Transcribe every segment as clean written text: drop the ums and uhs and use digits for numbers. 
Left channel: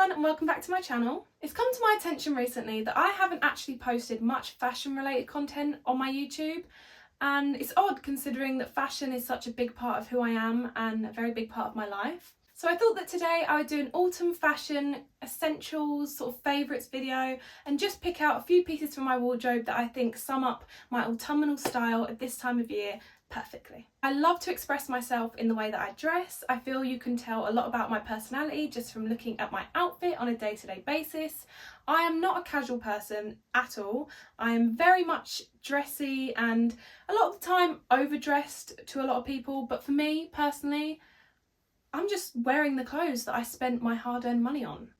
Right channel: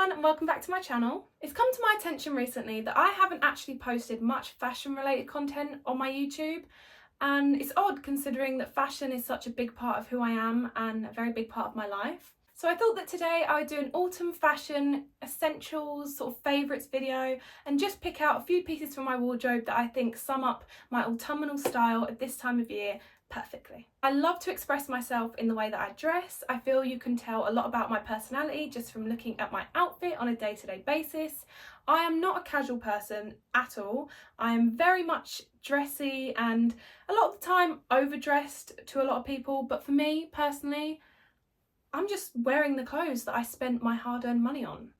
everyone and welcome back to my channel. It's come to my attention recently that I haven't actually posted much fashion related content on my YouTube, and it's odd considering that fashion is such a big part of who I am and a very big part of my life. So I thought that today I would do an autumn fashion essentials sort of favourites video and just pick out a few pieces from my wardrobe that I think sum up my autumnal style at this time of year perfectly. I love to express myself in the way that I dress. I feel you can tell a lot about my personality just from looking at my outfit on a day-to-day basis. I am not a casual person at all. I am very much dressy and a lot of the time overdressed to a lot of people, but for me personally, I'm just wearing the clothes that I spent my hard-earned money on.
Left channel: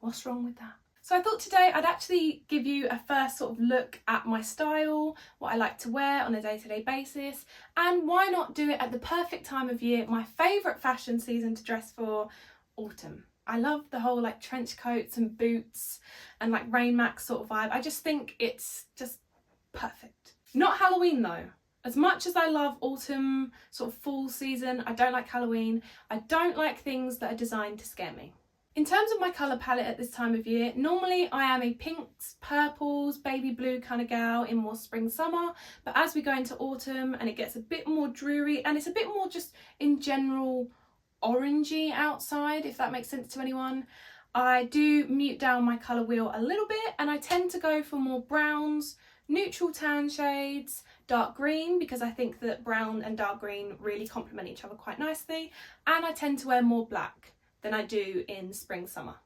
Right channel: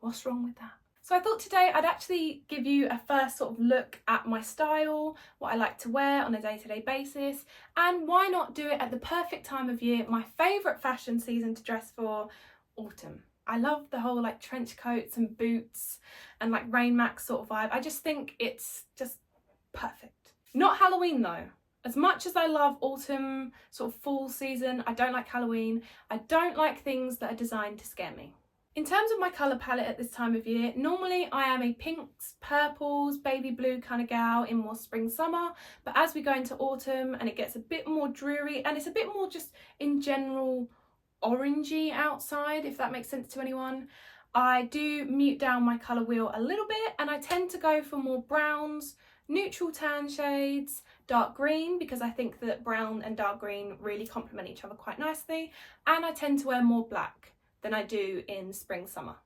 What's wrong with that? So I thought today I'd actually give you a first sort of look at my style, what I like to wear on a day-to-day basis, and why not do it at the perfect time of year, my favourite fashion season to dress for, autumn. I love the whole like trench coats and boots and like Rain Max sort of vibe. I just think it's just perfect. Not Halloween though. As much as I love autumn, sort of fall season, I don't like Halloween. I don't like things that are designed to scare me. In terms of my colour palette at this time of year, normally I am a pinks, purples, baby blue kind of gal in more spring summer, but as we go into autumn and it gets a bit more dreary and it's a bit more just in general orangey outside, if that makes sense to anyone, I do mute down my colour wheel a little bit and I tend to go for more browns, neutral tan shades, dark green, because I think that brown and dark green really complement each other quite nicely, and I tend to wear more black than I do in spring summer.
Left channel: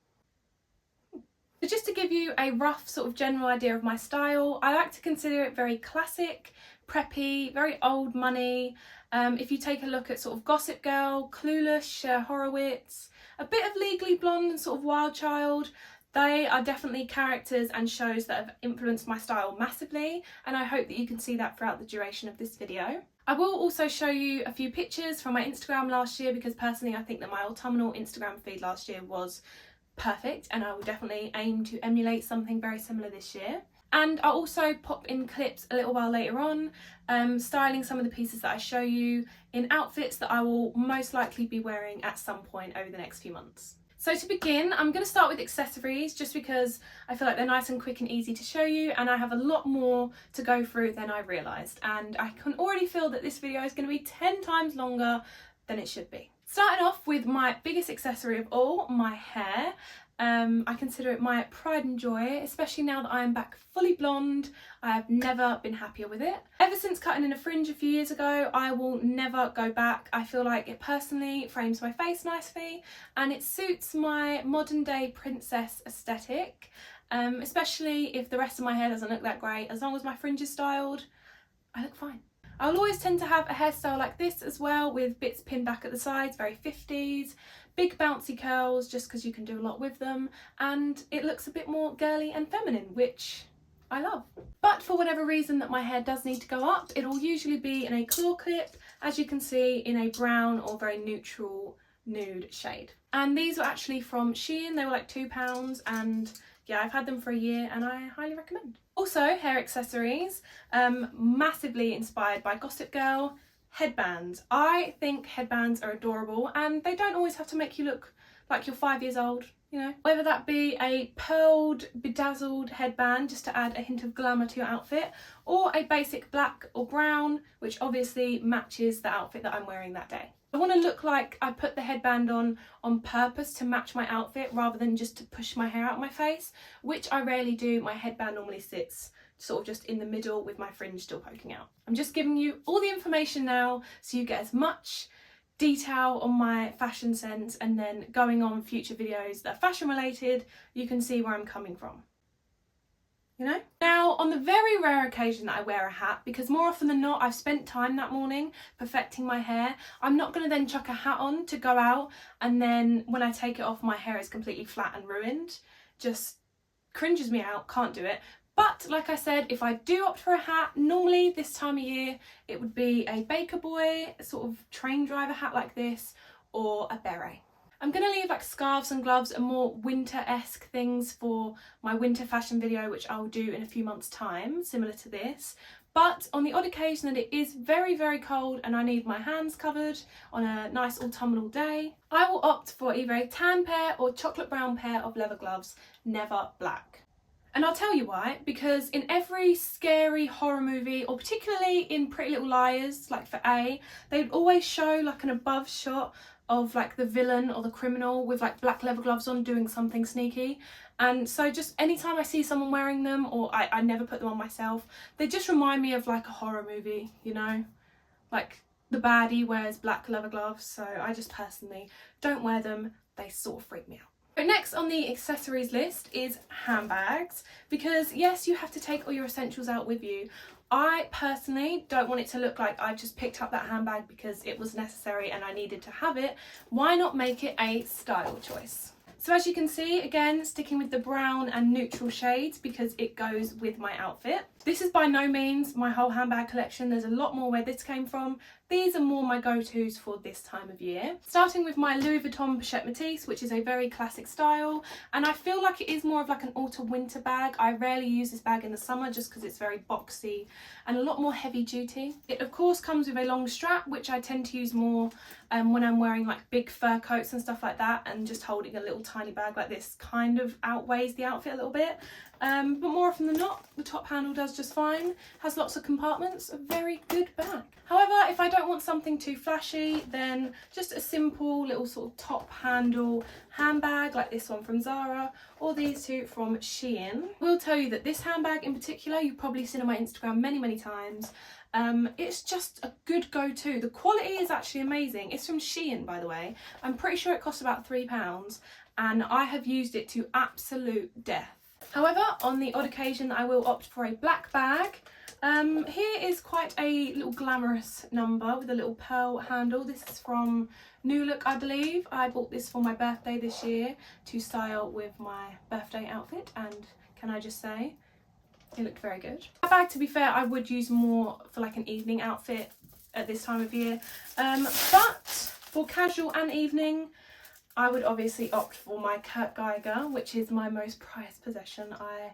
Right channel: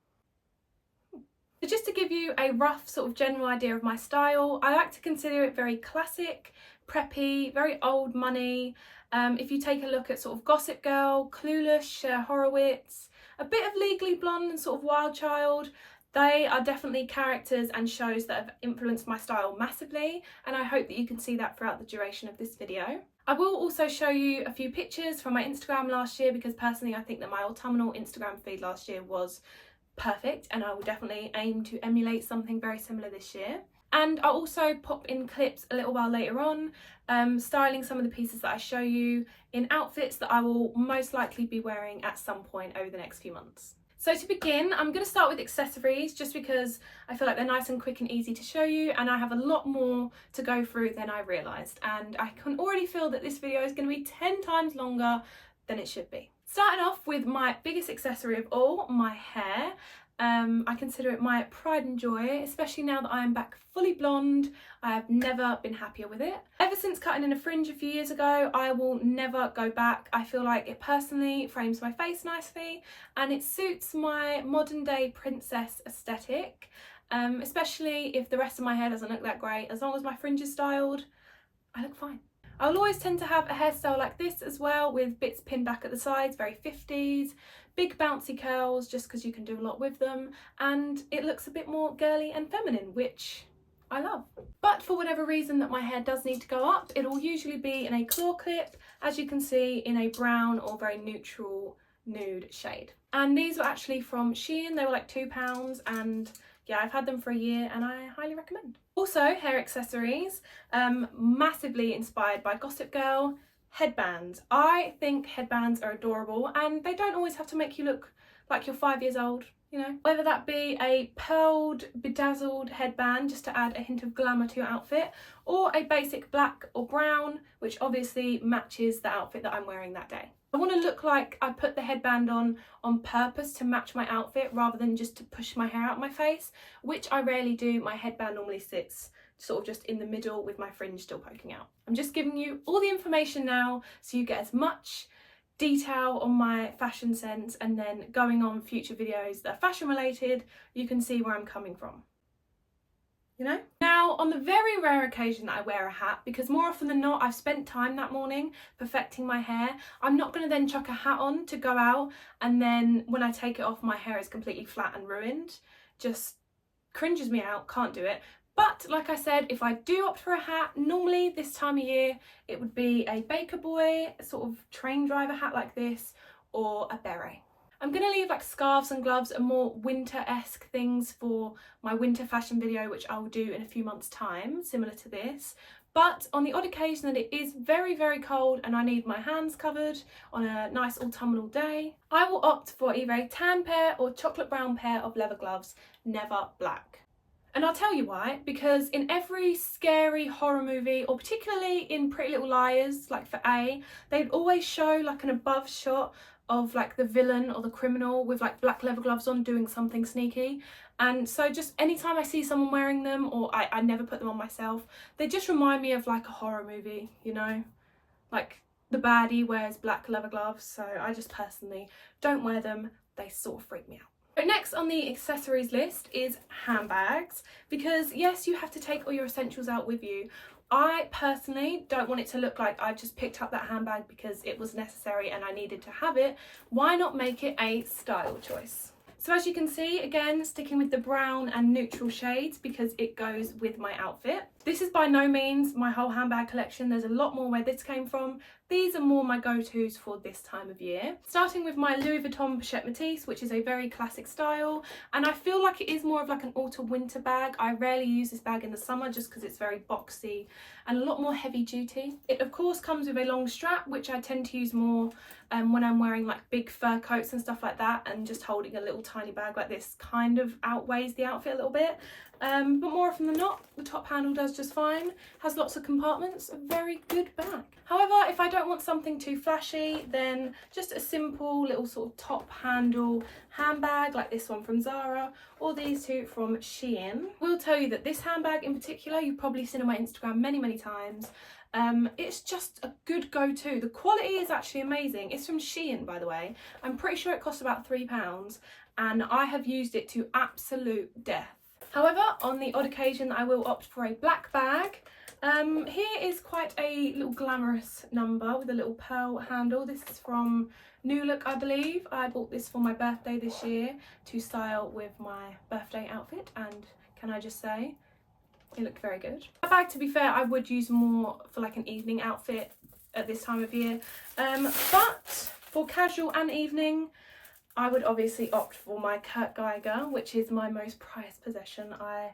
So just to give you a rough sort of general idea of my style, I like to consider it very classic, preppy, very old money. If you take a look at sort of Gossip Girl, Clueless, Cher Horowitz, a bit of Legally Blonde and sort of Wild Child, they are definitely characters and shows that have influenced my style massively, and I hope that you can see that throughout the duration of this video. I will also show you a few pictures from my Instagram last year because personally I think that my autumnal Instagram feed last year was perfect and I will definitely aim to emulate something very similar this year. And I'll also pop in clips a little while later on, styling some of the pieces that I show you in outfits that I will most likely be wearing at some point over the next few months. So to begin, I'm going to start with accessories just because I feel like they're nice and quick and easy to show you, and I have a lot more to go through than I realised, and I can already feel that this video is going to be 10 times longer than it should be. Starting off with my biggest accessory of all, my hair. I consider it my pride and joy, especially now that I am back fully blonde. I have never been happier with it. Ever since cutting in a fringe a few years ago, I will never go back. I feel like it personally frames my face nicely and it suits my modern day princess aesthetic, especially if the rest of my hair doesn't look that great. As long as my fringe is styled, I look fine. I'll always tend to have a hairstyle like this as well, with bits pinned back at the sides, very 50s. Big bouncy curls just because you can do a lot with them, and it looks a bit more girly and feminine, which I love. But for whatever reason that my hair does need to go up, it'll usually be in a claw clip, as you can see, in a brown or very neutral nude shade. And these were actually from Shein. They were like £2, and yeah, I've had them for a year and I highly recommend. Also, hair accessories, massively inspired by Gossip Girl. Headbands. I think headbands are adorable and they don't always have to make you look like you're 5 years old, you know. Whether that be a pearled, bedazzled headband just to add a hint of glamour to your outfit, or a basic black or brown, which obviously matches the outfit that I'm wearing that day. I want to look like I put the headband on purpose to match my outfit rather than just to push my hair out my face, which I rarely do. My headband normally sits sort of just in the middle with my fringe still poking out. I'm just giving you all the information now so you get as much detail on my fashion sense, and then going on future videos that are fashion related, you can see where I'm coming from. You know? Now, on the very rare occasion that I wear a hat, because more often than not I've spent time that morning perfecting my hair, I'm not going to then chuck a hat on to go out and then when I take it off my hair is completely flat and ruined. Just cringes me out, can't do it. But like I said, if I do opt for a hat, normally this time of year it would be a Baker Boy, a sort of train driver hat like this, or a beret. I'm going to leave like scarves and gloves and more winter-esque things for my winter fashion video, which I will do in a few months' time, similar to this. But on the odd occasion that it is very, very cold and I need my hands covered on a nice autumnal day, I will opt for either a tan pair or chocolate brown pair of leather gloves, never black. And I'll tell you why, because in every scary horror movie, or particularly in Pretty Little Liars, like for A, they'd always show like an above shot of like the villain or the criminal with like black leather gloves on doing something sneaky. And so just anytime I see someone wearing them, or I never put them on myself, they just remind me of like a horror movie, you know, like the baddie wears black leather gloves. So I just personally don't wear them. They sort of freak me out. But next on the accessories list is handbags, because yes, you have to take all your essentials out with you. I personally don't want it to look like I've just picked up that handbag because it was necessary and I needed to have it. Why not make it a style choice? So as you can see, again, sticking with the brown and neutral shades because it goes with my outfit. This is by no means my whole handbag collection. There's a lot more where this came from. These are more my go-tos for this time of year. Starting with my Louis Vuitton Pochette Métis, which is a very classic style. And I feel like it is more of like an autumn-winter bag. I rarely use this bag in the summer just because it's very boxy and a lot more heavy duty. It of course comes with a long strap, which I tend to use more when I'm wearing like big fur coats and stuff like that, and just holding a little tiny bag like this kind of outweighs the outfit a little bit. But more often than not, the top handle does just fine. Has lots of compartments, a very good bag. However, if I don't want something too flashy, then just a simple little sort of top handle handbag like this one from Zara, or these two from Shein. I will tell you that this handbag in particular, you've probably seen on my Instagram many times. It's just a good go-to. The quality is actually amazing. It's from Shein, by the way. I'm pretty sure it costs about £3 and I have used it to absolute death. However, on the odd occasion I will opt for a black bag. Here is quite a little glamorous number with a little pearl handle. This is from New Look, I believe. I bought this for my birthday this year to style with my birthday outfit, and can I just say, it looked very good. That bag, to be fair, I would use more for like an evening outfit at this time of year. But for casual and evening, I would obviously opt for my Kurt Geiger, which is my most prized possession. I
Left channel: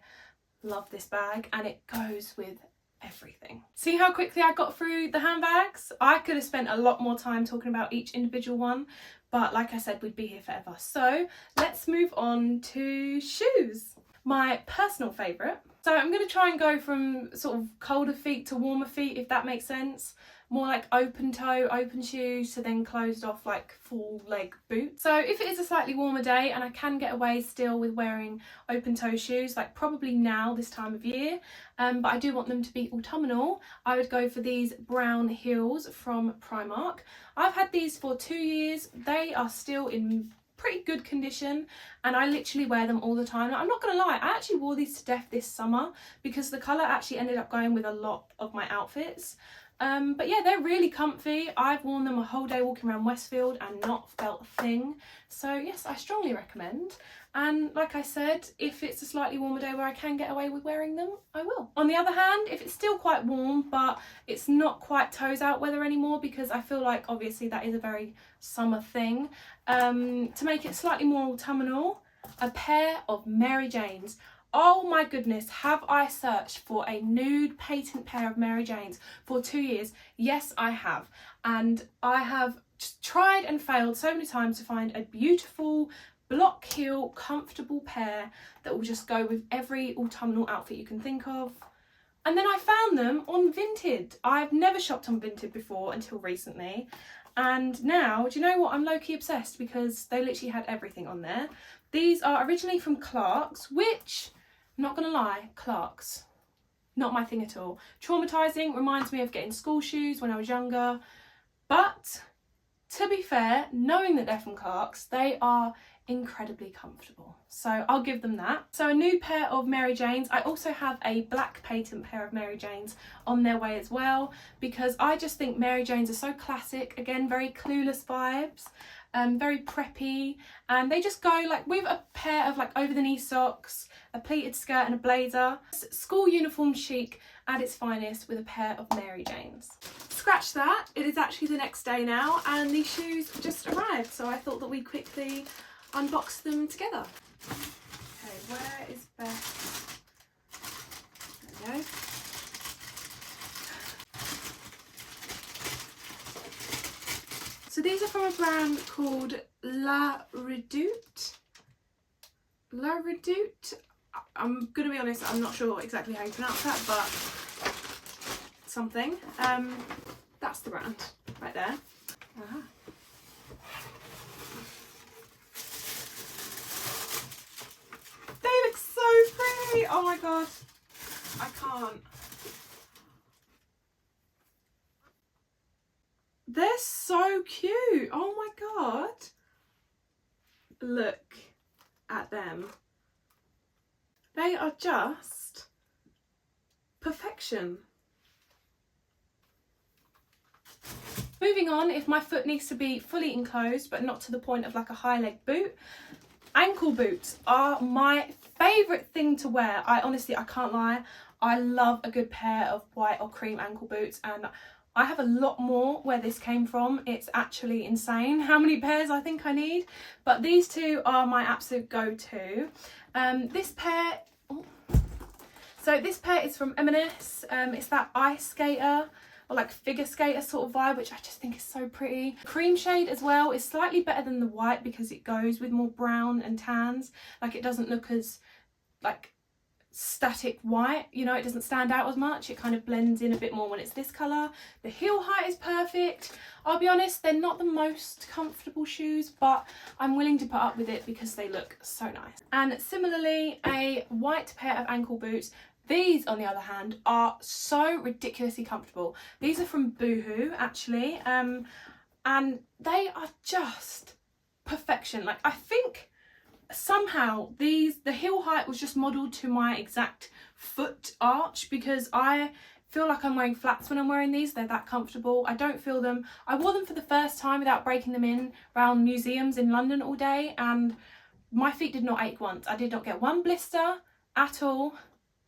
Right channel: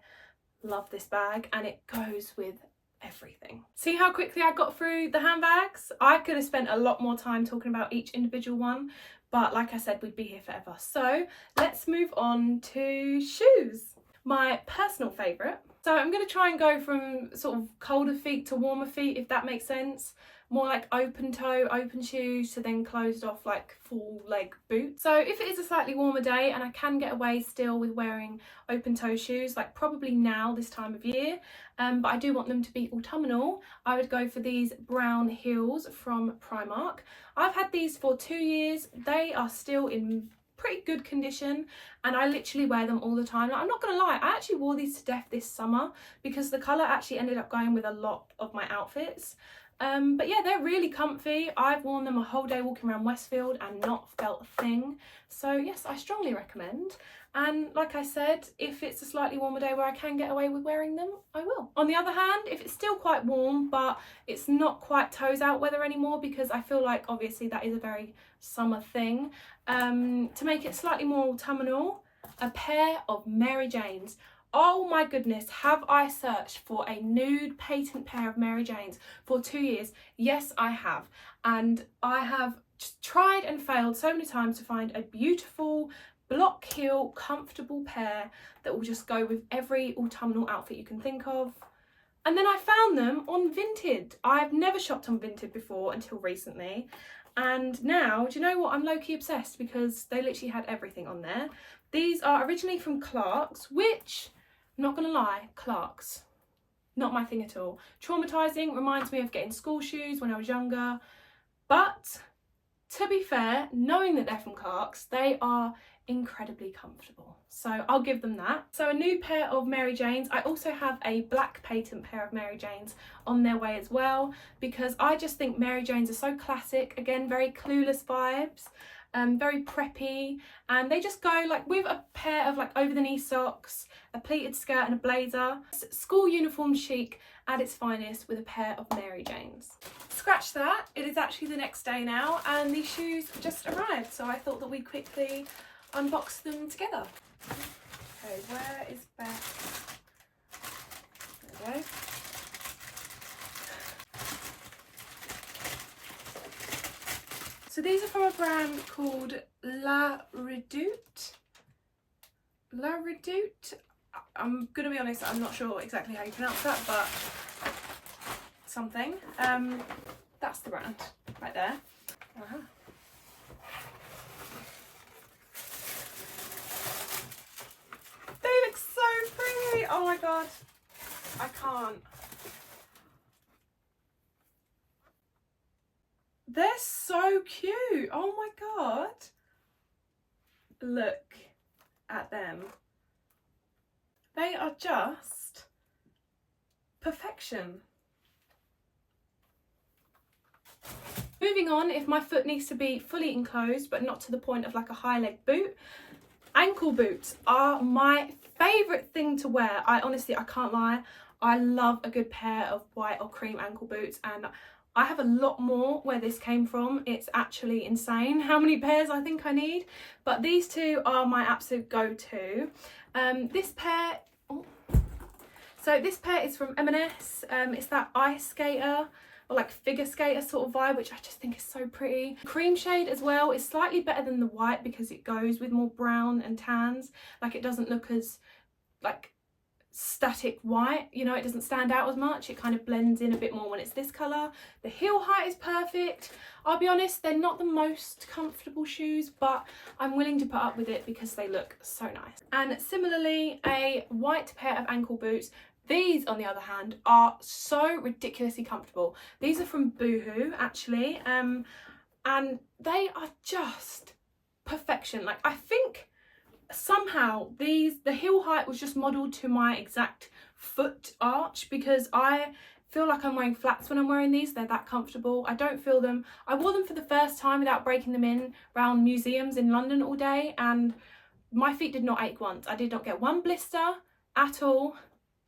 love this bag and it goes with everything. See how quickly I got through the handbags? I could have spent a lot more time talking about each individual one, but like I said, we'd be here forever. So let's move on to shoes. My personal favourite. So I'm going to try and go from sort of colder feet to warmer feet, if that makes sense. More like open toe, open shoes, to then closed off like full leg boots. So if it is a slightly warmer day and I can get away still with wearing open toe shoes, like probably now this time of year, but I do want them to be autumnal, I would go for these brown heels from Primark. I've had these for 2 years. They are still in pretty good condition and I literally wear them all the time. Like, I'm not gonna lie, I actually wore these to death this summer because the colour actually ended up going with a lot of my outfits. But yeah, they're really comfy. I've worn them a whole day walking around Westfield and not felt a thing. So yes, I strongly recommend. And like I said, if it's a slightly warmer day where I can get away with wearing them, I will. On the other hand, if it's still quite warm, but it's not quite toes out weather anymore, because I feel like obviously that is a very summer thing, to make it slightly more autumnal, a pair of Mary Janes. Oh my goodness, have I searched for a nude patent pair of Mary Janes for 2 years? Yes, I have. And I have just tried and failed so many times to find a beautiful block heel, comfortable pair that will just go with every autumnal outfit you can think of. And then I found them on Vinted. I've never shopped on Vinted before until recently. And now, do you know what? I'm low-key obsessed because they literally had everything on there. These are originally from Clarks, which, I'm not gonna lie, Clarks, not my thing at all. Traumatizing, reminds me of getting school shoes when I was younger. But to be fair, knowing that they're from Clarks, they are incredibly comfortable. So I'll give them that. So a new pair of Mary Janes. I also have a black patent pair of Mary Janes on their way as well, because I just think Mary Janes are so classic. Again, very Clueless vibes. Very preppy, and they just go like with a pair of like over the knee socks, a pleated skirt and a blazer. School uniform chic at its finest with a pair of Mary Janes. Scratch that, it is actually the next day now and these shoes just arrived, so I thought that we'd quickly unbox them together. Okay, where is Beth? There we go. So these are from a brand called La Redoute. La Redoute. I'm gonna be honest, I'm not sure exactly how you pronounce that, but something. That's the brand right there. They look so pretty. Oh my god, I can't. They're so cute. Oh my god. Look at them. They are just perfection. Moving on, if my foot needs to be fully enclosed but not to the point of like a high leg boot, ankle boots are my favourite thing to wear. I can't lie, I love a good pair of white or cream ankle boots, and I have a lot more where this came from. It's actually insane how many pairs I think I need, but these two are my absolute go-to. This pair is from M&S. It's that ice skater or like figure skater sort of vibe, which I just think is so pretty. Cream shade as well is slightly better than the white because it goes with more brown and tans. Like, it doesn't look as like static white, you know, it doesn't stand out as much. It kind of blends in a bit more when it's this colour. The heel height is perfect. I'll be honest, they're not the most comfortable shoes, but I'm willing to put up with it because they look so nice. And similarly, a white pair of ankle boots. These, on the other hand, are so ridiculously comfortable. These are from Boohoo, actually, and they are just perfection. Like, I think somehow the heel height was just modelled to my exact foot arch, because I feel like I'm wearing flats when I'm wearing these. They're that comfortable. I don't feel them. I wore them for the first time without breaking them in around museums in London all day, and my feet did not ache once. I did not get one blister at all.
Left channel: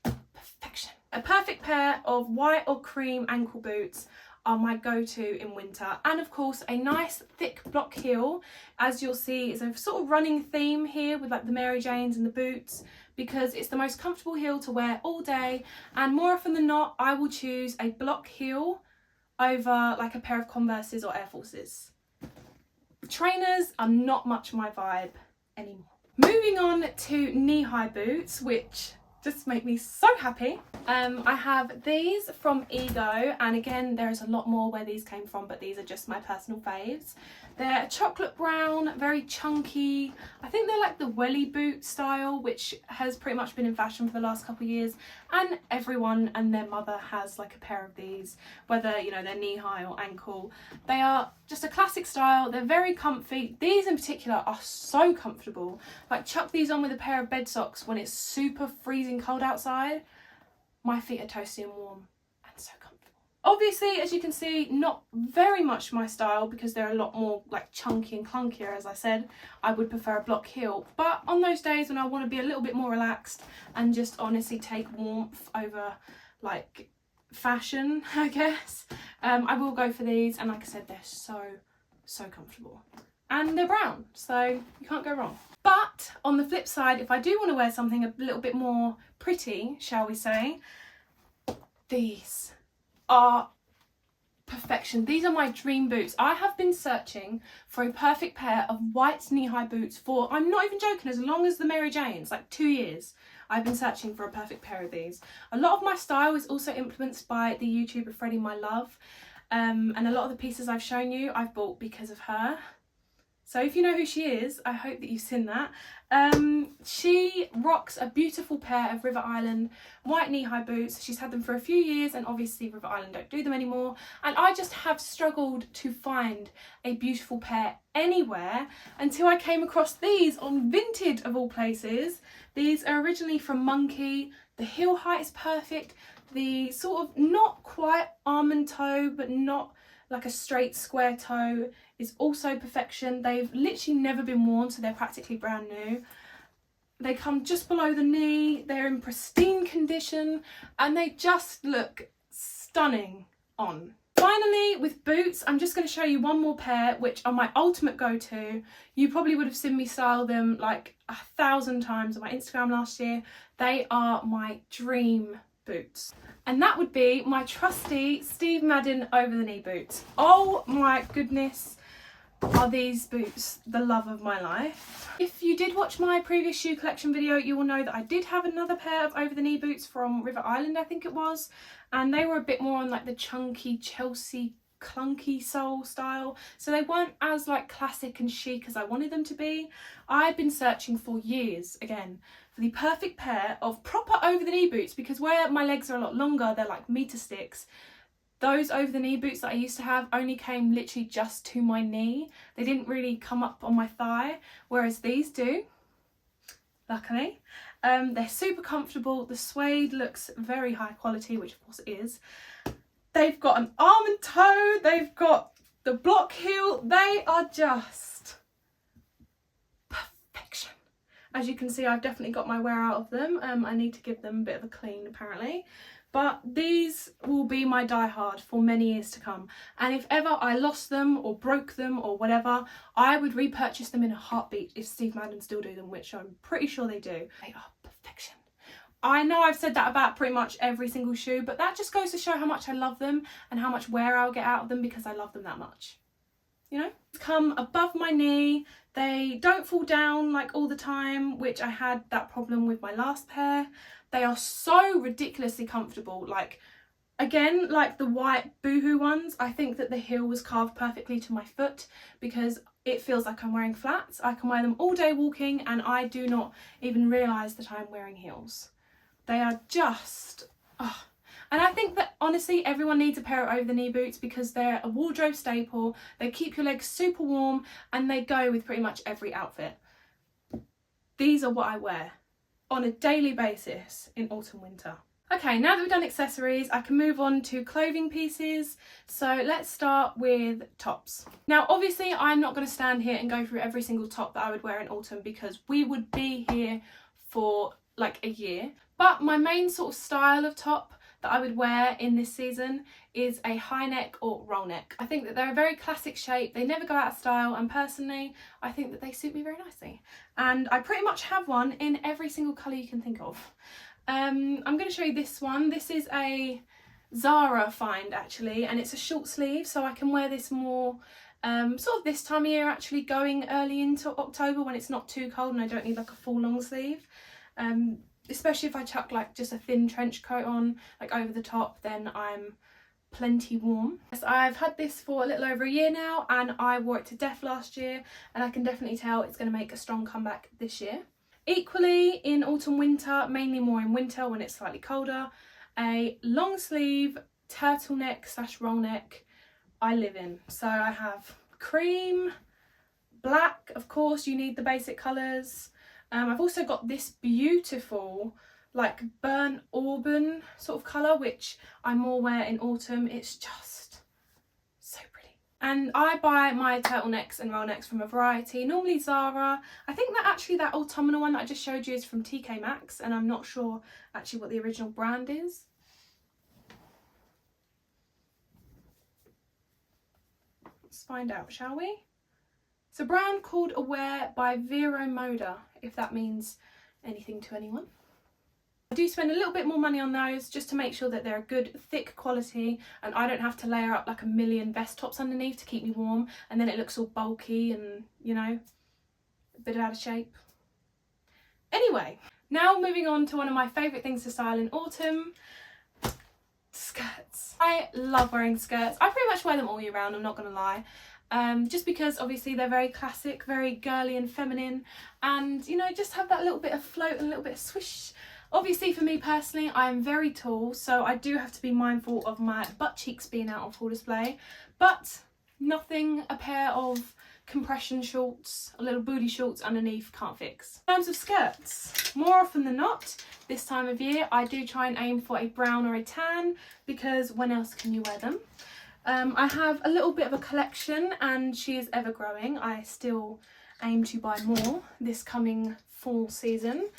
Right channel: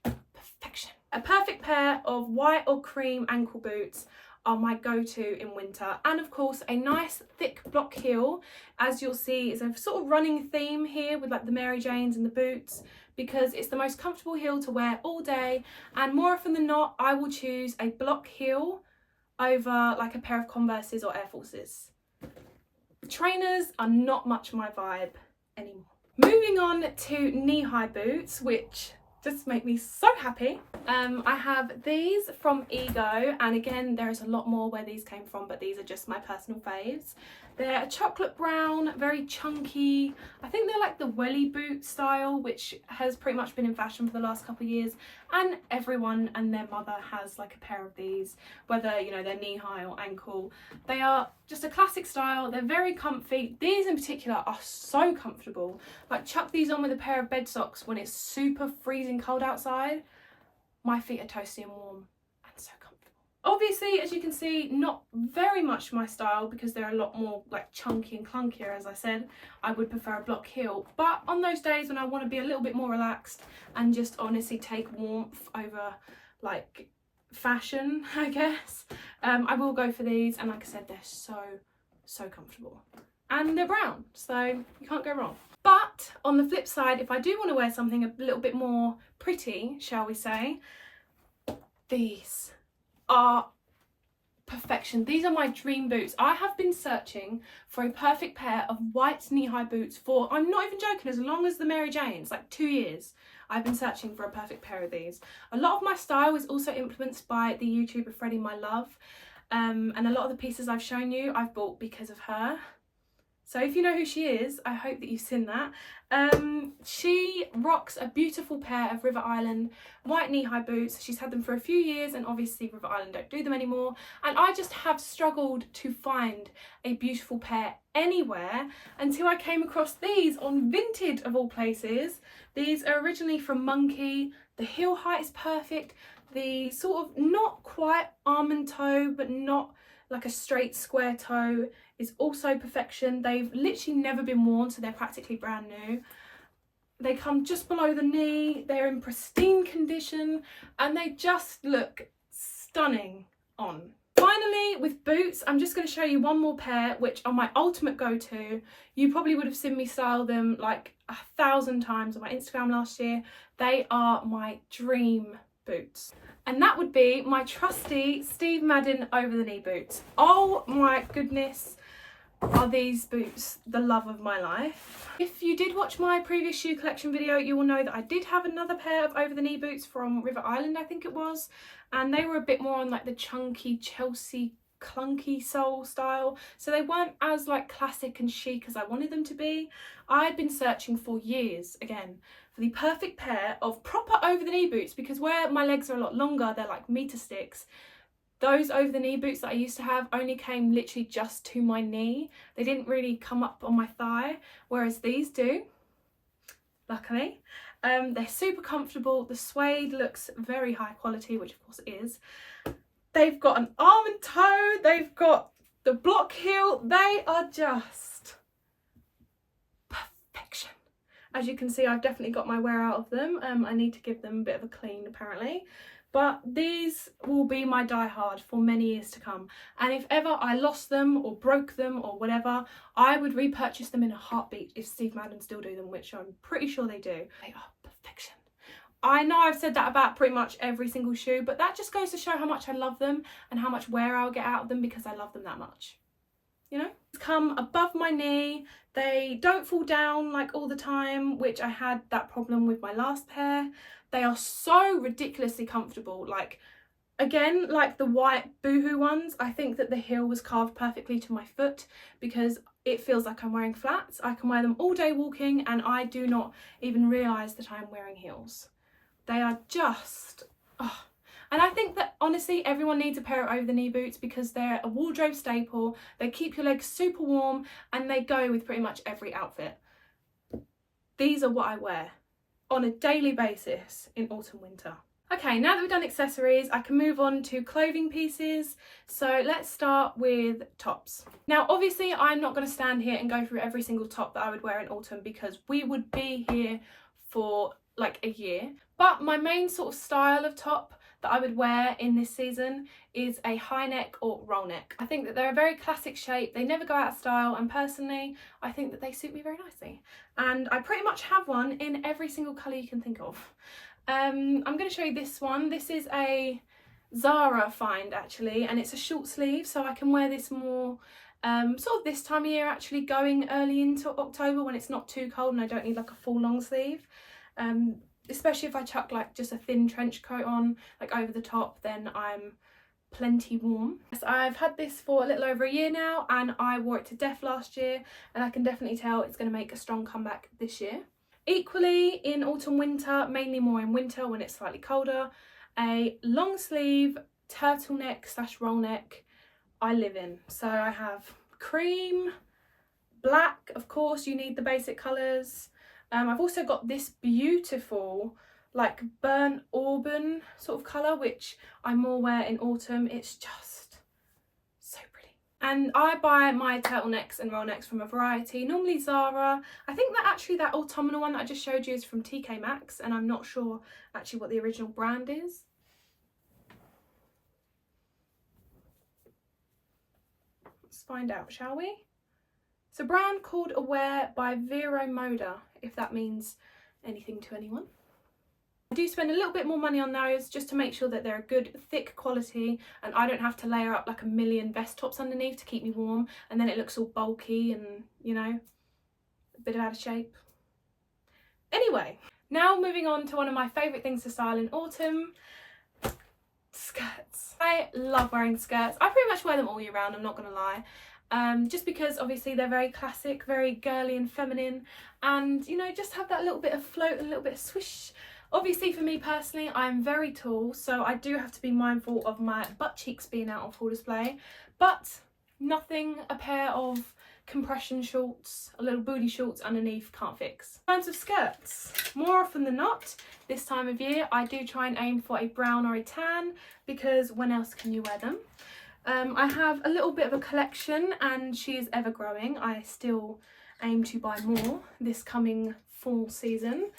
Perfection. A perfect pair of white or cream ankle boots are my go-to in winter, and of course a nice thick block heel. As you'll see, is a sort of running theme here with like the Mary Janes and the boots, because it's the most comfortable heel to wear all day, and more often than not I will choose a block heel over like a pair of Converses or Air Forces. Trainers are not much my vibe anymore. Moving on to knee-high boots, which just make me so happy. I have these from Ego, and again there is a lot more where these came from, but these are just my personal faves. They're a chocolate brown, very chunky. I think they're like the welly boot style, which has pretty much been in fashion for the last couple of years, and everyone and their mother has like a pair of these, whether, you know, they're knee high or ankle. They are just a classic style. They're very comfy. These in particular are so comfortable. Like, chuck these on with a pair of bed socks when it's super freezing cold outside. My feet are toasty and warm and so comfortable. Obviously, as you can see, not very much my style because they're a lot more like chunky and clunkier. As I said, I would prefer a block heel, but on those days when I want to be a little bit more relaxed and just honestly take warmth over like fashion, I guess, I will go for these. And like I said, they're so comfortable, and they're brown, so you can't go wrong. But on the flip side, if I do want to wear something a little bit more pretty, shall we say, these are perfection. These are my dream boots. I have been searching for a perfect pair of white knee-high boots for, I'm not even joking, as long as the Mary Janes, like 2 years. I've been searching for a perfect pair of these. A lot of my style is also influenced by the YouTuber Freddie My Love, and a lot of the pieces I've shown you I've bought because of her. So if you know who she is, I hope that you've seen that. She rocks a beautiful pair of River Island white knee-high boots. She's had them for a few years, and obviously River Island don't do them anymore. And I just have struggled to find a beautiful pair anywhere until I came across these on Vinted of all places. These are originally from Monkey. The heel height is perfect. The sort of not quite almond toe, but not like a straight square toe, is also perfection. They've literally never been worn, so they're practically brand new. They come just below the knee, they're in pristine condition, and they just look stunning on. Finally, with boots, I'm just going to show you one more pair, which are my ultimate go-to. You probably would have seen me style them like 1,000 times on my Instagram last year. They are my dream boots. And that would be my trusty Steve Madden over the knee boots. Oh my goodness. are these boots the love of my life. If you did watch my previous shoe collection video, you will know that I did have another pair of over the knee boots from River Island, I think it was, and they were a bit more on like the chunky Chelsea clunky sole style, so they weren't as like classic and chic as I wanted them to be. I'd been searching for years again for the perfect pair of proper over the knee boots, because where my legs are a lot longer, they're like meter sticks. Those over the knee boots that I used to have only came literally just to my knee. They didn't really come up on my thigh, whereas these do, luckily. They're super comfortable. The suede looks very high quality, which of course it is. They've got an almond toe, they've got the block heel. They are just perfection. As you can see, I've definitely got my wear out of them. I need to give them a bit of a clean apparently. But these will be my die-hard for many years to come. And if ever I lost them or broke them or whatever, I would repurchase them in a heartbeat if Steve Madden still do them, which I'm pretty sure they do. They are perfection. I know I've said that about pretty much every single shoe, but that just goes to show how much I love them and how much wear I'll get out of them because I love them that much. You know? Come above my knee. They don't fall down like all the time, which I had that problem with my last pair. They are so ridiculously comfortable. Like, again, like the white Boohoo ones, I think that the heel was carved perfectly to my foot because it feels like I'm wearing flats. I can wear them all day walking and I do not even realise that I'm wearing heels. They are just, oh. And I think that honestly everyone needs a pair of over the knee boots because they're a wardrobe staple. They keep your legs super warm and they go with pretty much every outfit. These are what I wear on a daily basis in autumn winter. Okay, now that we've done accessories, I can move on to clothing pieces. So let's start with tops. Now, obviously I'm not going to stand here and go through every single top that I would wear in autumn because we would be here for like a year. But my main sort of style of top that I would wear in this season is a high neck or roll neck. I think that they're a very classic shape, they never go out of style, and personally I think that they suit me very nicely. And I pretty much have one in every single colour you can think of. I'm going to show you this one. This is a Zara find actually, and it's a short sleeve, so I can wear this more sort of this time of year, actually going early into October when it's not too cold and I don't need like a full long sleeve. Especially if I chuck like just a thin trench coat on like over the top, then I'm plenty warm. So I've had this for a little over a year now and I wore it to death last year, and I can definitely tell it's going to make a strong comeback this year. Equally in autumn winter, mainly more in winter when it's slightly colder, a long sleeve turtleneck / roll neck I live in. So I have cream, black, of course you need the basic colours. I've also got this beautiful like burnt auburn sort of colour, which I more wear in autumn. It's just so pretty. And I buy my turtlenecks and roll necks from a variety, normally Zara. I think that actually that autumnal one that I just showed you is from TK Maxx, and I'm not sure actually what the original brand is. Let's find out, shall we? It's a brand called Aware by Vero Moda, if that means anything to anyone. I do spend a little bit more money on those just to make sure that they're a good thick quality and I don't have to layer up like a million vest tops underneath to keep me warm, and then it looks all bulky and, you know, a bit out of shape. Anyway, now moving on to one of my favourite things to style in autumn, skirts. I love wearing skirts. I pretty much wear them all year round, I'm not gonna lie. Just because obviously they're very classic, very girly and feminine, and you know, just have that little bit of float and a little bit of swish. Obviously for me personally, I am very tall, so I do have to be mindful of my butt cheeks being out on full display, but nothing a pair of compression shorts, a little booty shorts underneath can't fix. In terms of skirts, more often than not this time of year I do try and aim for a brown or a tan, because when else can you wear them? I have a little bit of a collection and she is ever growing. I still aim to buy more this coming fall season.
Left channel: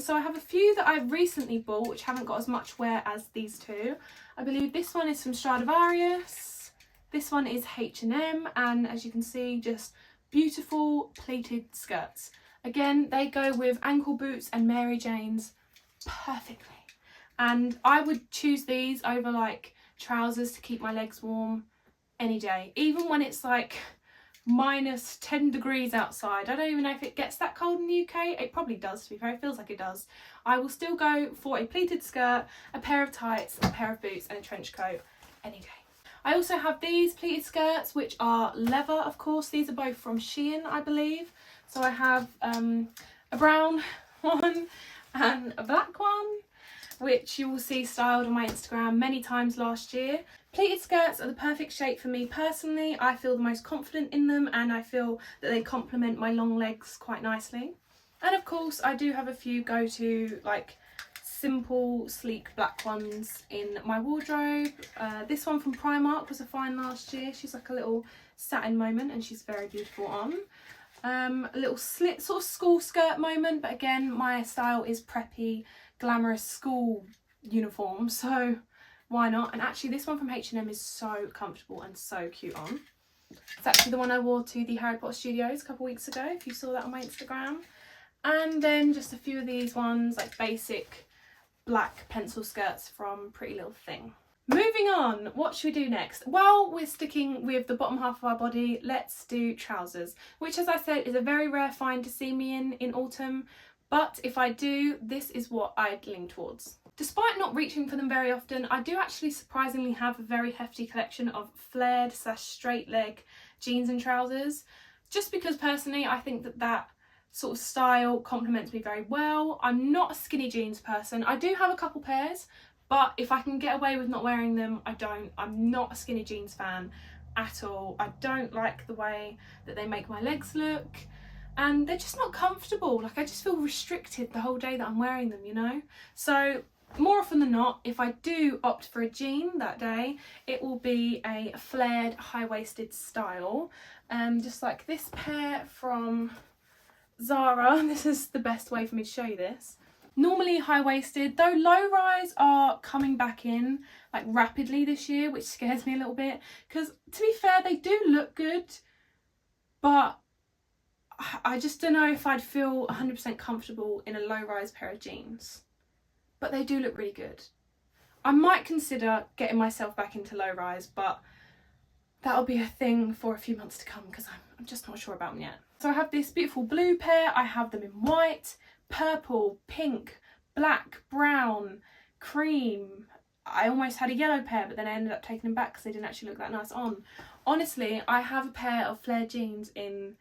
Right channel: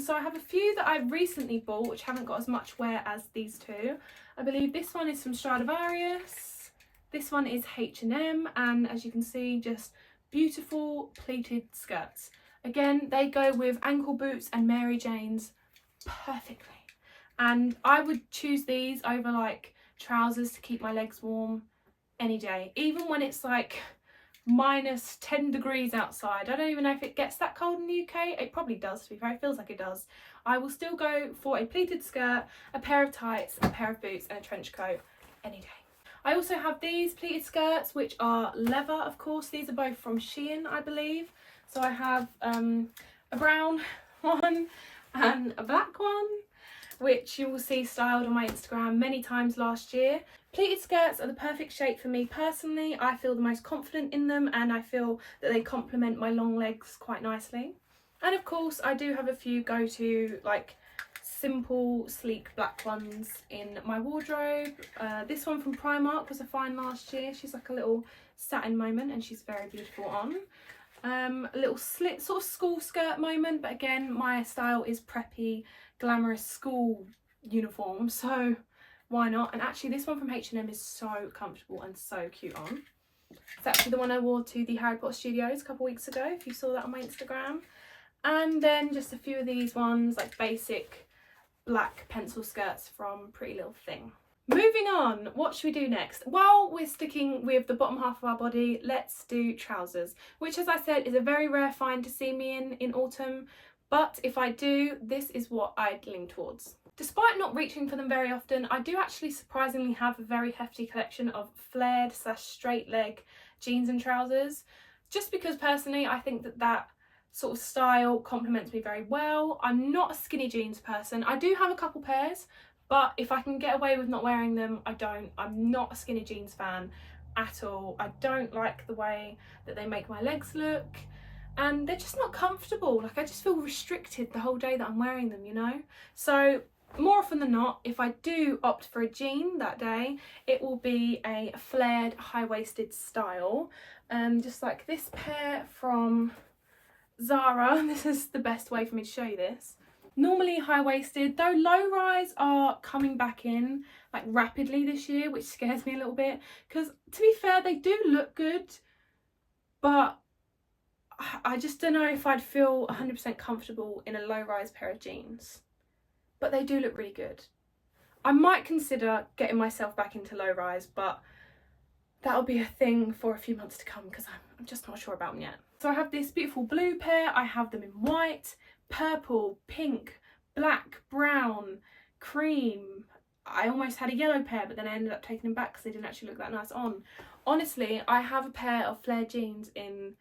So I have a few that I've recently bought which haven't got as much wear as these two. I believe this one is from Stradivarius, this one is H&M, and as you can see, just beautiful pleated skirts. Again, they go with ankle boots and Mary Janes perfectly, and I would choose these over like trousers to keep my legs warm any day, even when it's like minus 10 degrees outside. I don't even know if it gets that cold in the UK. It probably does, to be fair. It feels like it does. I will still go for a pleated skirt, a pair of tights, a pair of boots and a trench coat any day. I also have these pleated skirts, which are leather, of course. These are both from Shein, I believe. So I have a brown one and a black one, which you will see styled on my Instagram many times last year. Pleated skirts are the perfect shape for me personally. I feel the most confident in them and I feel that they complement my long legs quite nicely. And of course I do have a few go-to like simple sleek black ones in my wardrobe. This one from Primark was a find last year. She's like a little satin moment and she's very beautiful on. A little slit sort of school skirt moment, but again my style is preppy, glamorous school uniform, so why not? And actually this one from H&M is so comfortable and so cute on. It's actually the one I wore to the Harry Potter Studios a couple weeks ago, if you saw that on my Instagram. And then just a few of these ones, like basic black pencil skirts from Pretty Little Thing. Moving on, what should we do next? While we're sticking with the bottom half of our body, let's do trousers, which as I said is a very rare find to see me in autumn, but if I do, this is what I'd lean towards. Despite not reaching for them very often, I do actually surprisingly have a very hefty collection of flared / straight leg jeans and trousers, just because personally I think that sort of style complements me very well. I'm not a skinny jeans person. I do have a couple pairs, but if I can get away with not wearing them, I don't. I'm not a skinny jeans fan at all. I don't like the way that they make my legs look and they're just not comfortable. Like I just feel restricted the whole day that I'm wearing them, you know? So more often than not, if I do opt for a jean that day, it will be a flared high-waisted style. Just like this pair from Zara. This is the best way for me to show you this. Normally high-waisted, though low-rise are coming back in like rapidly this year, which scares me a little bit because to be fair they do look good, but I just don't know if I'd feel 100% comfortable in a low-rise pair of jeans. But they do look really good. I might consider getting myself back into low-rise, but that'll be a thing for a few months to come because I'm just not sure about them yet. So I have this beautiful blue pair. I have them in white, purple, pink, black, brown, cream. I almost had a yellow pair, but then I ended up taking them back because they didn't actually look that nice on. Honestly, I have a pair of flared jeans in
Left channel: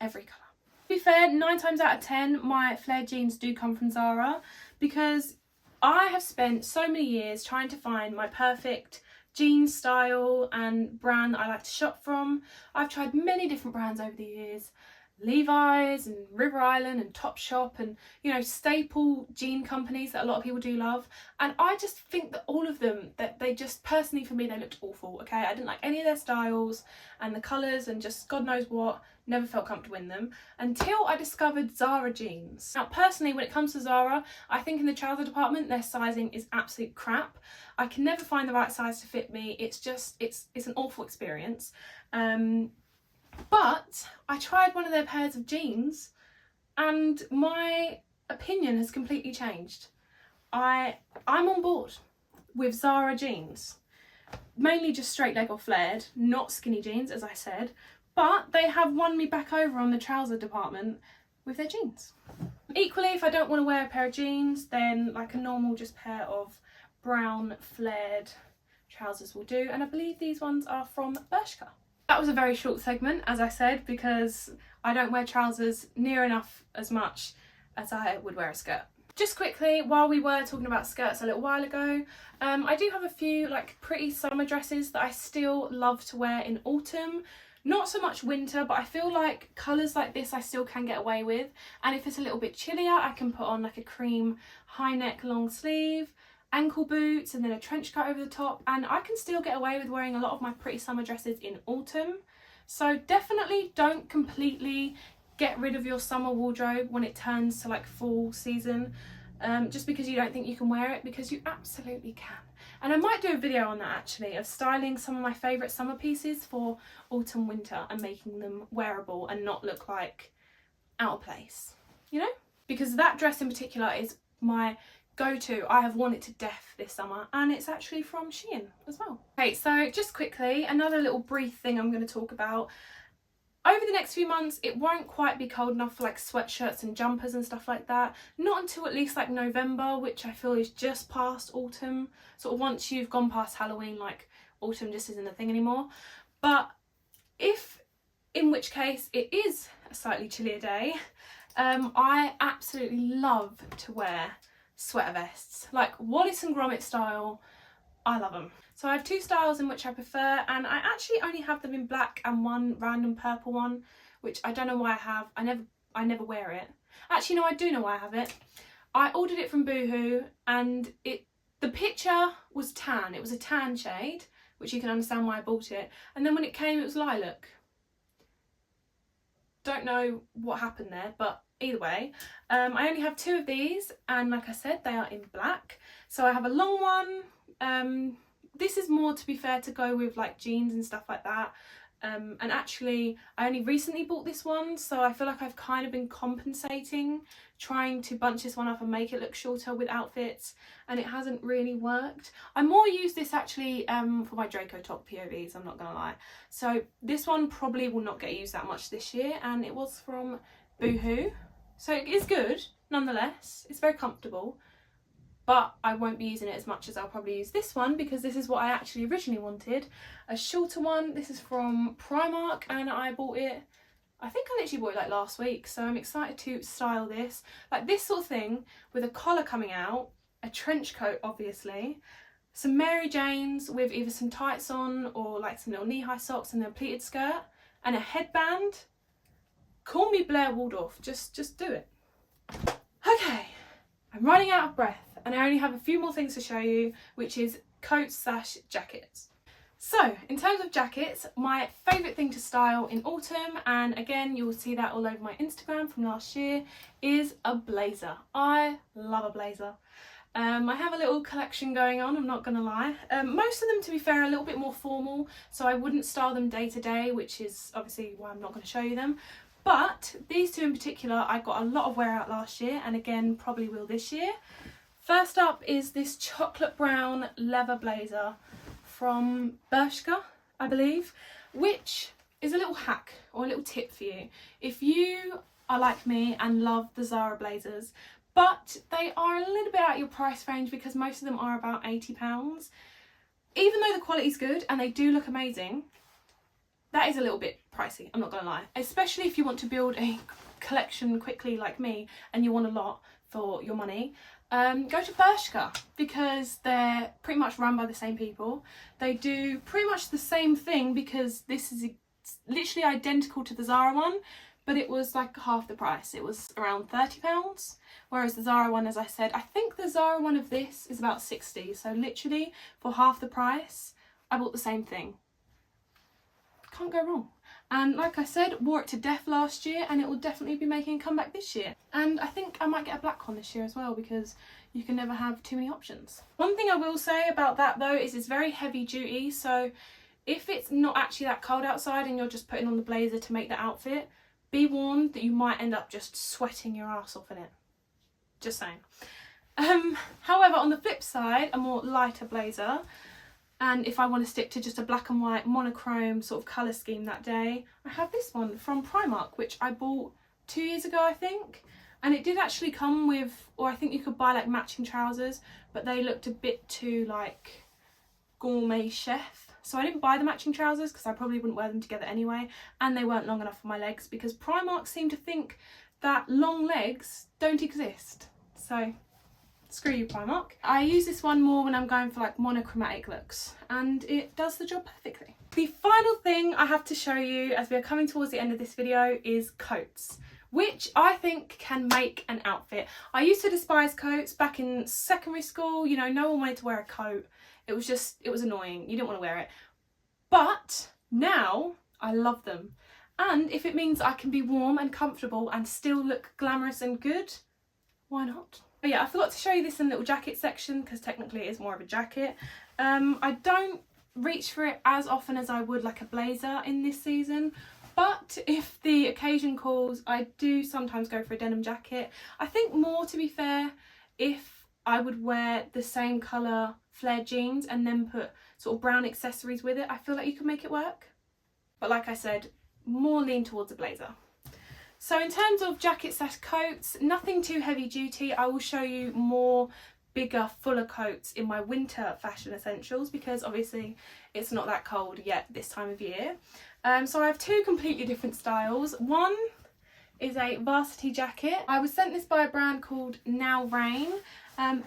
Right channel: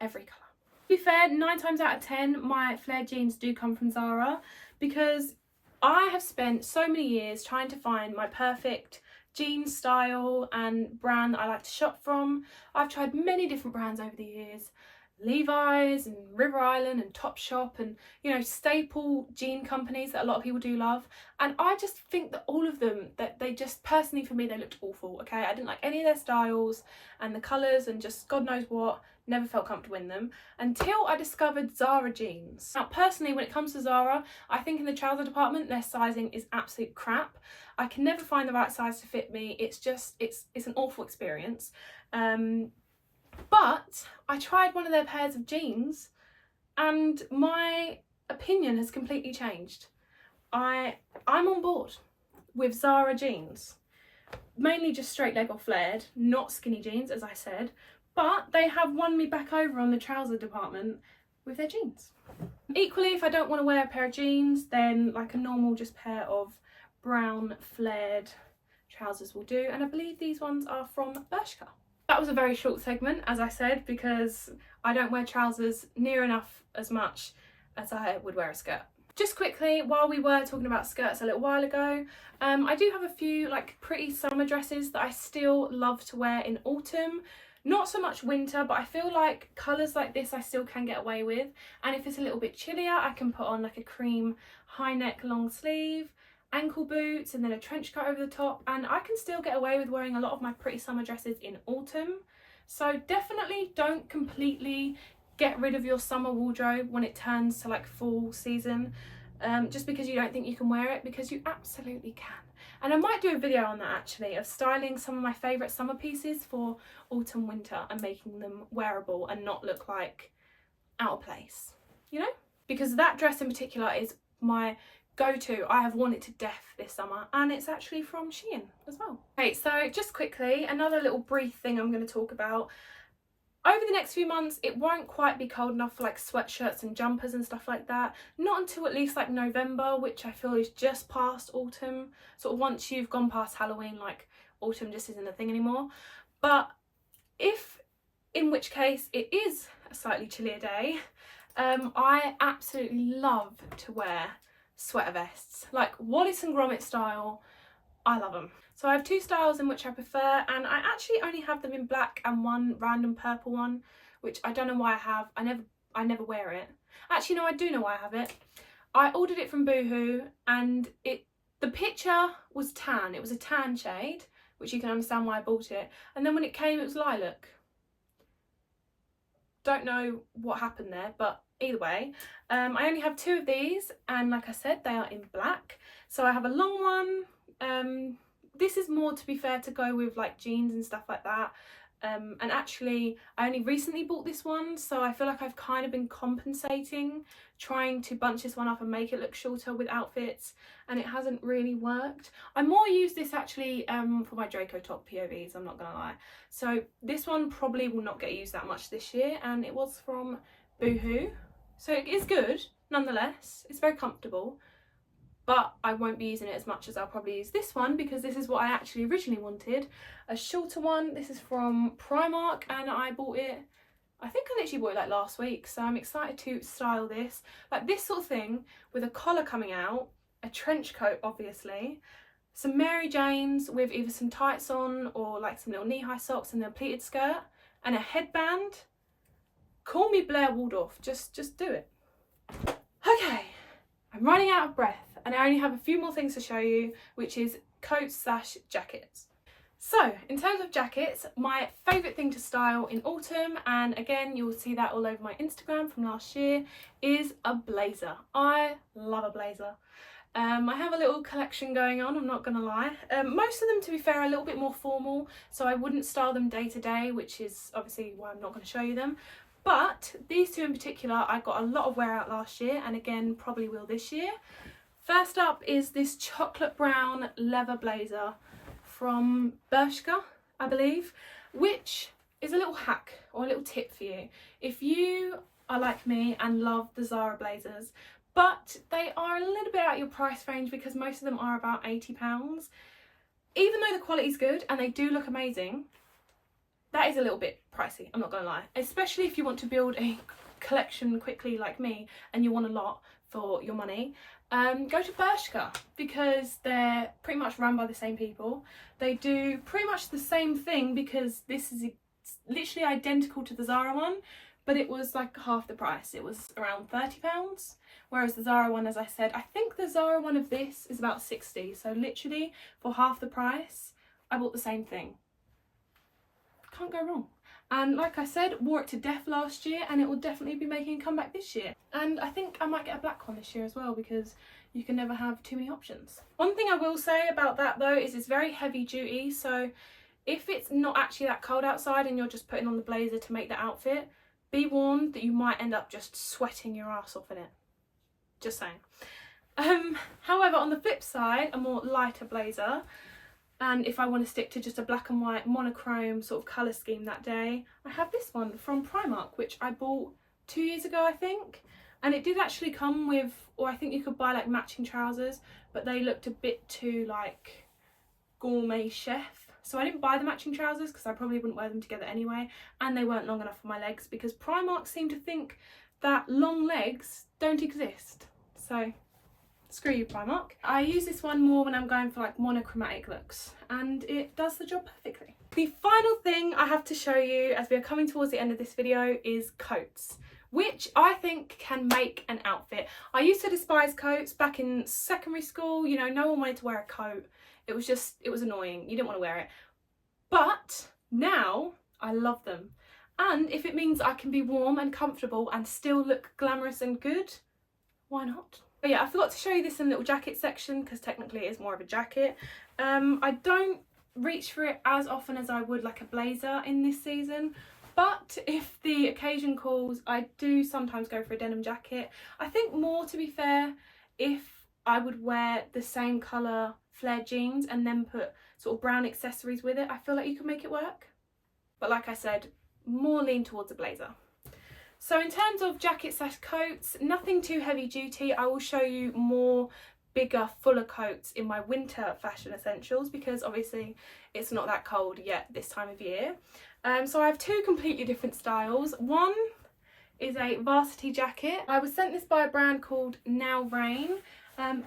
every colour. To be fair, 9 times out of 10 my flared jeans do come from Zara because I have spent so many years trying to find my perfect jean style and brand that I like to shop from. I've tried many different brands over the years, Levi's and River Island and Topshop and, you know, staple jean companies that a lot of people do love, and I just think that all of them, that they just, personally for me, they looked awful. Okay, I didn't like any of their styles and the colours and just God knows what. Never felt comfortable in them until I discovered Zara jeans. Now personally, when it comes to Zara, I think in the trouser department their sizing is absolute crap. I can never find the right size to fit me. It's just, it's an awful experience. But I tried one of their pairs of jeans and my opinion has completely changed. I'm on board with Zara jeans. Mainly just straight leg or flared, not skinny jeans as I said. But they have won me back over on the trouser department with their jeans. Equally, if I don't want to wear a pair of jeans, then like a normal just pair of brown flared trousers will do. And I believe these ones are from Bershka. That was a very short segment, as I said, because I don't wear trousers near enough as much as I would wear a skirt. Just quickly, while we were talking about skirts a little while ago, I do have a few like pretty summer dresses that I still love to wear in autumn. Not so much winter, but I feel like colours like this I still can get away with. And if it's a little bit chillier, I can put on like a cream high neck long sleeve, ankle boots, and then a trench coat over the top. And I can still get away with wearing a lot of my pretty summer dresses in autumn. So definitely don't completely get rid of your summer wardrobe when it turns to like fall season. Just because you don't think you can wear it, because you absolutely can. And I might do a video on that actually, of styling some of my favourite summer pieces for autumn winter and making them wearable and not look like out of place, you know? Because that dress in particular is my go-to. I have worn it to death this summer and it's actually from Shein as well. Okay, so just quickly, another little brief thing I'm going to talk about. Over the next few months, it won't quite be cold enough for like sweatshirts and jumpers and stuff like that. Not until at least like November, which I feel is just past autumn. Sort of once you've gone past Halloween, like autumn just isn't a thing anymore. But in which case it is a slightly chillier day, I absolutely love to wear sweater vests, like Wallace and Gromit style. I love them. So I have two styles in which I prefer, and I actually only have them in black and one random purple one, which I don't know why I have. I never wear it. Actually, no, I do know why I have it. I ordered it from Boohoo, and the picture was tan. It was a tan shade, which you can understand why I bought it. And then when it came, it was lilac. Don't know what happened there, but either way, I only have two of these, and like I said, they are in black. So I have a long one. This is more, to be fair, to go with like jeans and stuff like that. And actually, I only recently bought this one, so I feel like I've kind of been compensating, trying to bunch this one up and make it look shorter with outfits, and it hasn't really worked. I more use this actually for my Draco top POVs, I'm not gonna lie. So this one probably will not get used that much this year, and it was from Boohoo. So it is good, nonetheless. It's very comfortable, but I won't be using it as much as I'll probably use this one, because this is what I actually originally wanted. A shorter one. This is from Primark, and I bought it, I think I literally bought it like last week, so I'm excited to style this. Like this sort of thing, with a collar coming out, a trench coat obviously, some Mary Janes with either some tights on or like some little knee-high socks and then a pleated skirt, and a headband. Call me Blair Waldorf, just do it. Okay, I'm running out of breath, and I only have a few more things to show you, which is coats / jackets. So in terms of jackets, my favourite thing to style in autumn, and again you'll see that all over my Instagram from last year, is a blazer. I love a blazer. I have a little collection going on, I'm not gonna lie. Most of them, to be fair, are a little bit more formal, so I wouldn't style them day to day, which is obviously why I'm not going to show you them. But these two in particular, I got a lot of wear out last year, and again probably will this year. First up is this chocolate brown leather blazer from Bershka, I believe, which is a little hack or a little tip for you. If you are like me and love the Zara blazers, but they are a little bit out your price range because most of them are about £80, even though the quality's good and they do look amazing, that is a little bit pricey, I'm not gonna lie. Especially if you want to build a collection quickly like me and you want a lot for your money. Go to Bershka, because they're pretty much run by the same people. They do pretty much the same thing, because this is literally identical to the Zara one, but it was like half the price. It was around £30, whereas the Zara one, as I said, I think the Zara one of this is about 60. So literally for half the price, I bought the same thing. Can't go wrong. And like I said, wore it to death last year, and it will definitely be making a comeback this year. And I think I might get a black one this year as well, because you can never have too many options. One thing I will say about that though is it's very heavy duty, so if it's not actually that cold outside and you're just putting on the blazer to make the outfit, be warned that you might end up just sweating your ass off in it. Just saying. However, on the flip side, a more lighter blazer, and if I want to stick to just a black and white monochrome sort of colour scheme that day, I have this one from Primark, which I bought 2 years ago, I think. And it did actually come with, or I think you could buy like matching trousers, but they looked a bit too like gourmet chef. So I didn't buy the matching trousers because I probably wouldn't wear them together anyway. And they weren't long enough for my legs, because Primark seem to think that long legs don't exist. So screw you, Primark. I use this one more when I'm going for like monochromatic looks, and it does the job perfectly. The final thing I have to show you as we are coming towards the end of this video is coats, which I think can make an outfit. I used to despise coats back in secondary school. You know, no one wanted to wear a coat. It was annoying. You didn't want to wear it. But now I love them. And if it means I can be warm and comfortable and still look glamorous and good, why not? But yeah, I forgot to show you this in the little jacket section, because technically it is more of a jacket. I don't reach for it as often as I would like a blazer in this season, but if the occasion calls, I do sometimes go for a denim jacket. I think more, to be fair, if I would wear the same colour flared jeans and then put sort of brown accessories with it, I feel like you can make it work. But like I said, more lean towards a blazer. So in terms of jackets / coats, nothing too heavy duty. I will show you more bigger, fuller coats in my winter fashion essentials because obviously it's not that cold yet this time of year. So I have two completely different styles. One is a varsity jacket. I was sent this by a brand called Now Rain.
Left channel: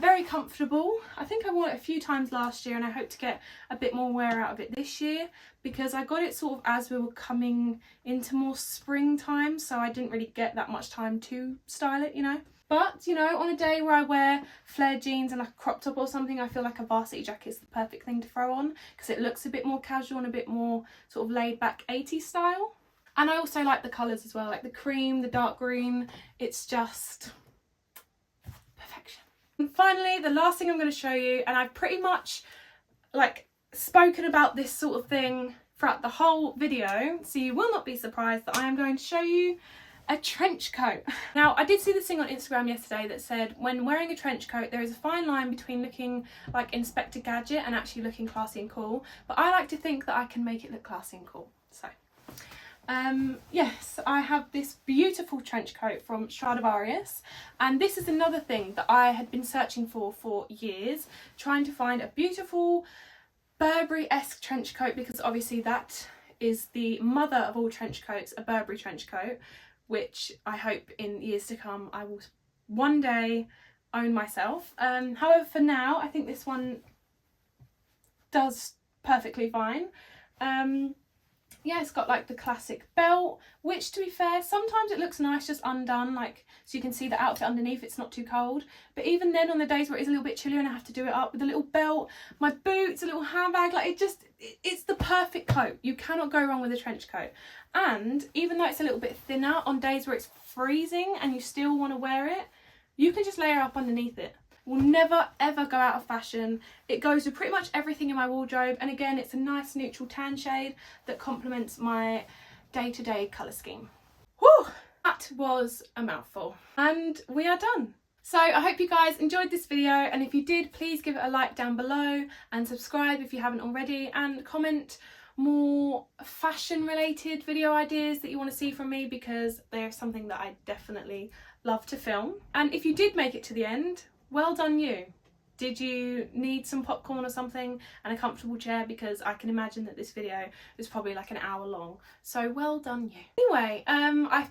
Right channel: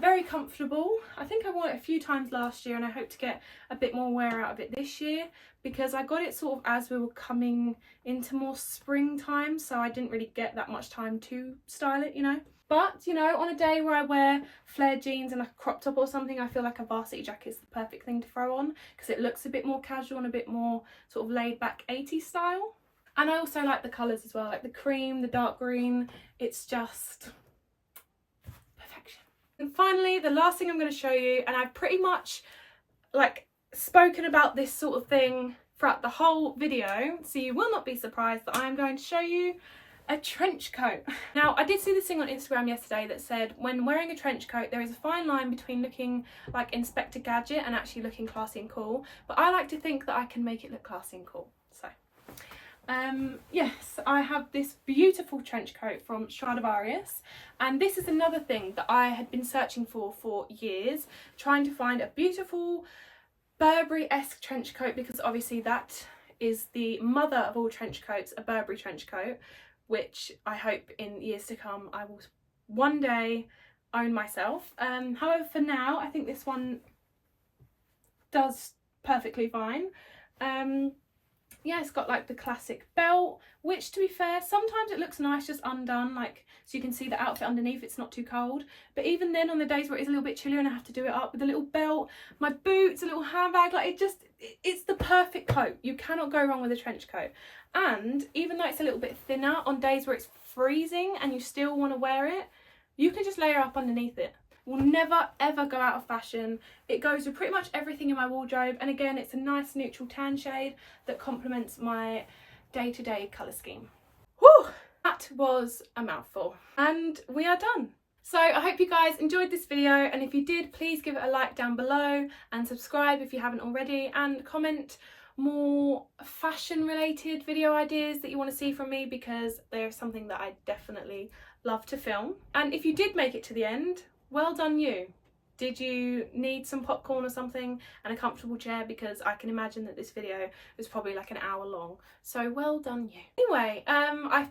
Very comfortable. I think I wore it a few times last year and I hope to get a bit more wear out of it this year because I got it sort of as we were coming into more springtime, so I didn't really get that much time to style it, you know. But, you know, on a day where I wear flared jeans and like a crop top or something, I feel like a varsity jacket is the perfect thing to throw on because it looks a bit more casual and a bit more sort of laid back 80s style. And I also like the colours as well, like the cream, the dark green. It's just perfection. And finally, the last thing I'm going to show you, and I've pretty much like spoken about this sort of thing throughout the whole video, so you will not be surprised that I am going to show you a trench coat. Now, I did see this thing on Instagram yesterday that said when wearing a trench coat there is a fine line between looking like Inspector Gadget and actually looking classy and cool, but I like to think that I can make it look classy and cool. So yes, I have this beautiful trench coat from Stradivarius, and this is another thing that I had been searching for years, trying to find a beautiful Burberry-esque trench coat because obviously that is the mother of all trench coats, a Burberry trench coat, which I hope in years to come I will one day own myself. However, for now I think this one does perfectly fine. Yeah, it's got like the classic belt, which to be fair, sometimes it looks nice just undone, like so you can see the outfit underneath, it's not too cold. But even then, on the days where it's a little bit chillier and I have to do it up with a little belt, my boots, a little handbag, like it's the perfect coat. You cannot go wrong with a trench coat. And even though it's a little bit thinner, on days where it's freezing and you still want to wear it, you can just layer up underneath it. Will never ever go out of fashion. It goes with pretty much everything in my wardrobe, and again it's a nice neutral tan shade that complements my day-to-day colour scheme. Whew! That was a mouthful and we are done. So I hope you guys enjoyed this video, and if you did, please give it a like down below and subscribe if you haven't already, and comment more fashion related video ideas that you want to see from me because they're something that I definitely love to film. And if you did make it to the end, well done you. Did you need some popcorn or something and a comfortable chair? Because I can imagine that this video is probably like an hour long. So well done you. Anyway, I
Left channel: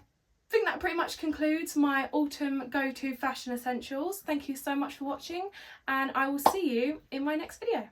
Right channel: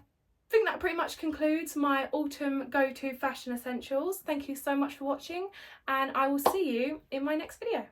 think that pretty much concludes my autumn go-to fashion essentials. Thank you so much for watching, and I will see you in my next video.